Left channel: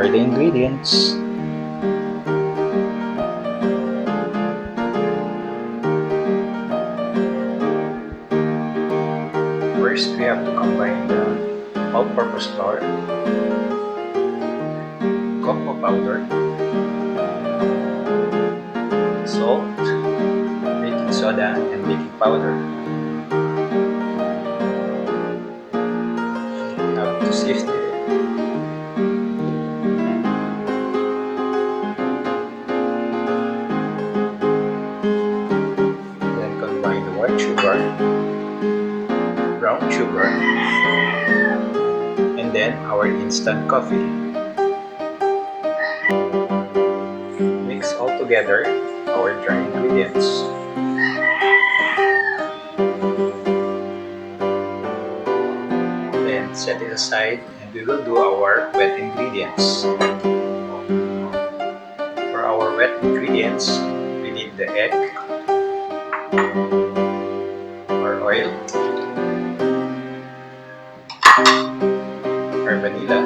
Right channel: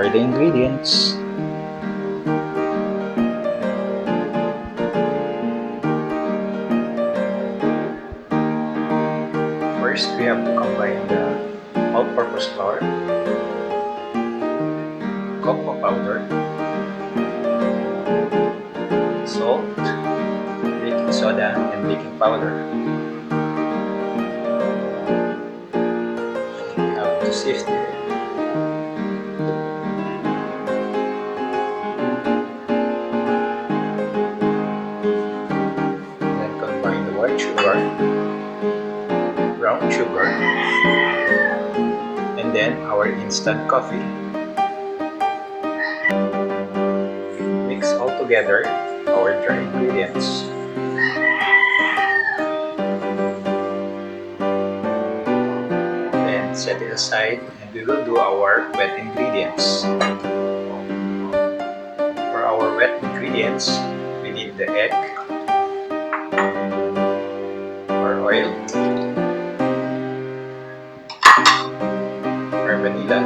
Here are the ingredients. First, we have to combine the all-purpose flour, cocoa powder, salt, baking soda, and baking powder. We have to sift it. Then combine the white sugar, brown sugar, and then our instant coffee. Mix all together our dry ingredients. Then set it aside and we will do our wet ingredients. For our wet ingredients, we need the egg, our oil, our vanilla,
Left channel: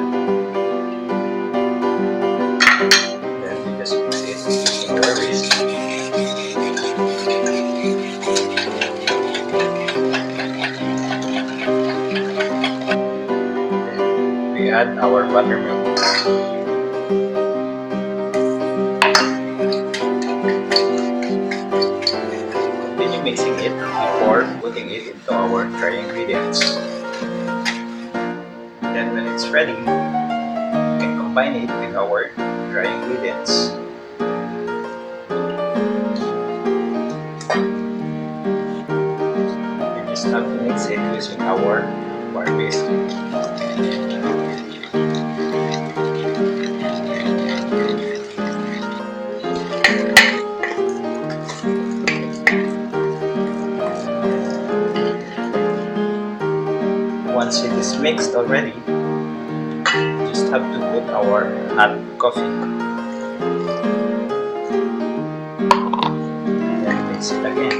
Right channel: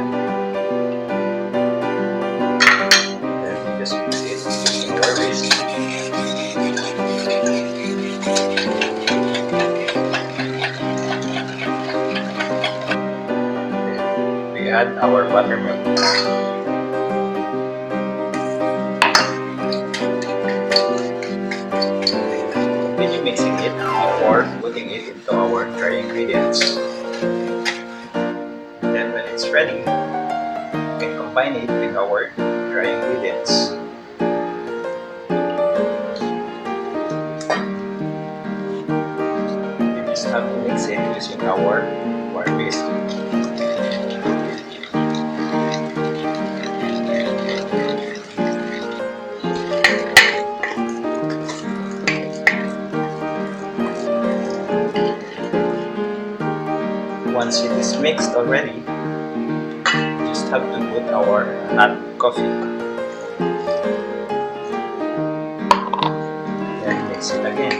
then we just mix it using our whisk. Then we add our buttermilk. Continue mixing it before putting it into our dry ingredients. Then when it's ready, you can combine it with our dry ingredients. You just have to mix it using our wire whisk. Once it is mixed already, you just have to put our hot coffee. Then mix it again.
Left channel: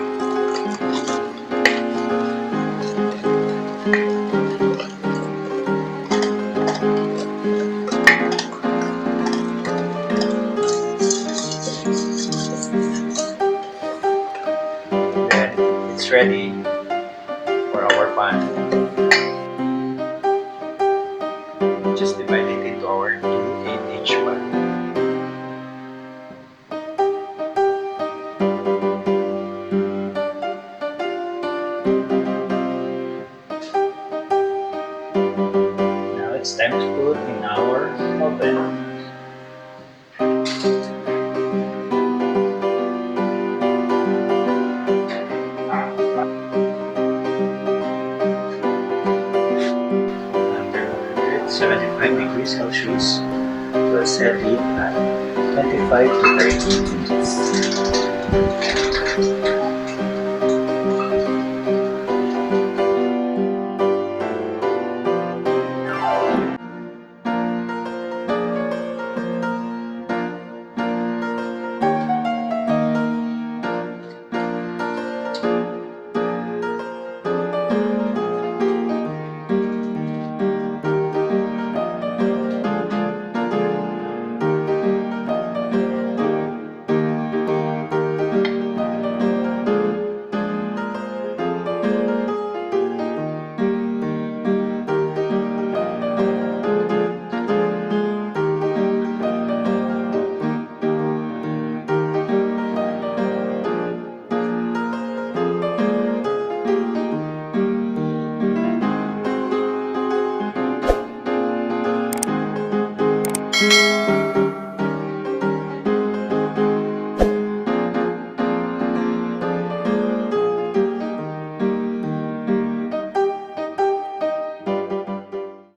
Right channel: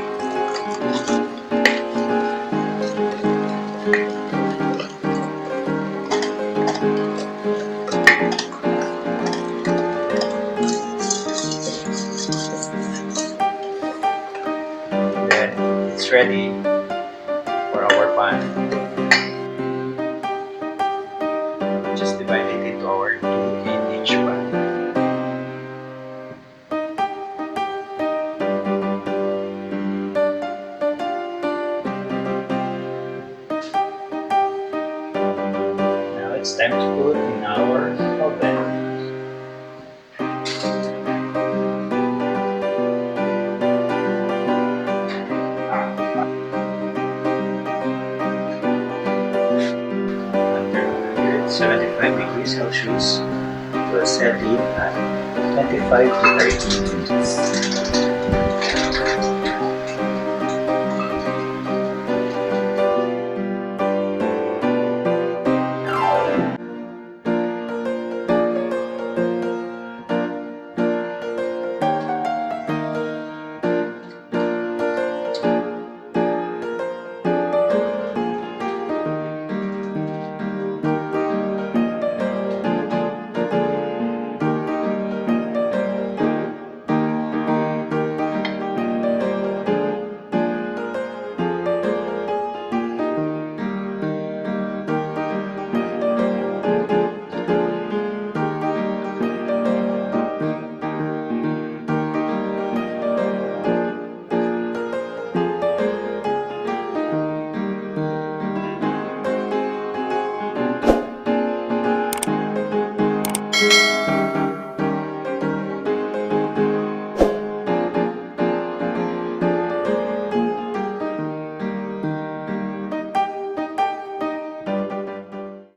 Then it's ready for our pan. Just divide it into our two 8-inch pan. Now it's time to put in our oven. Under 175 degrees Celsius, it will set in at 25 to 30 minutes.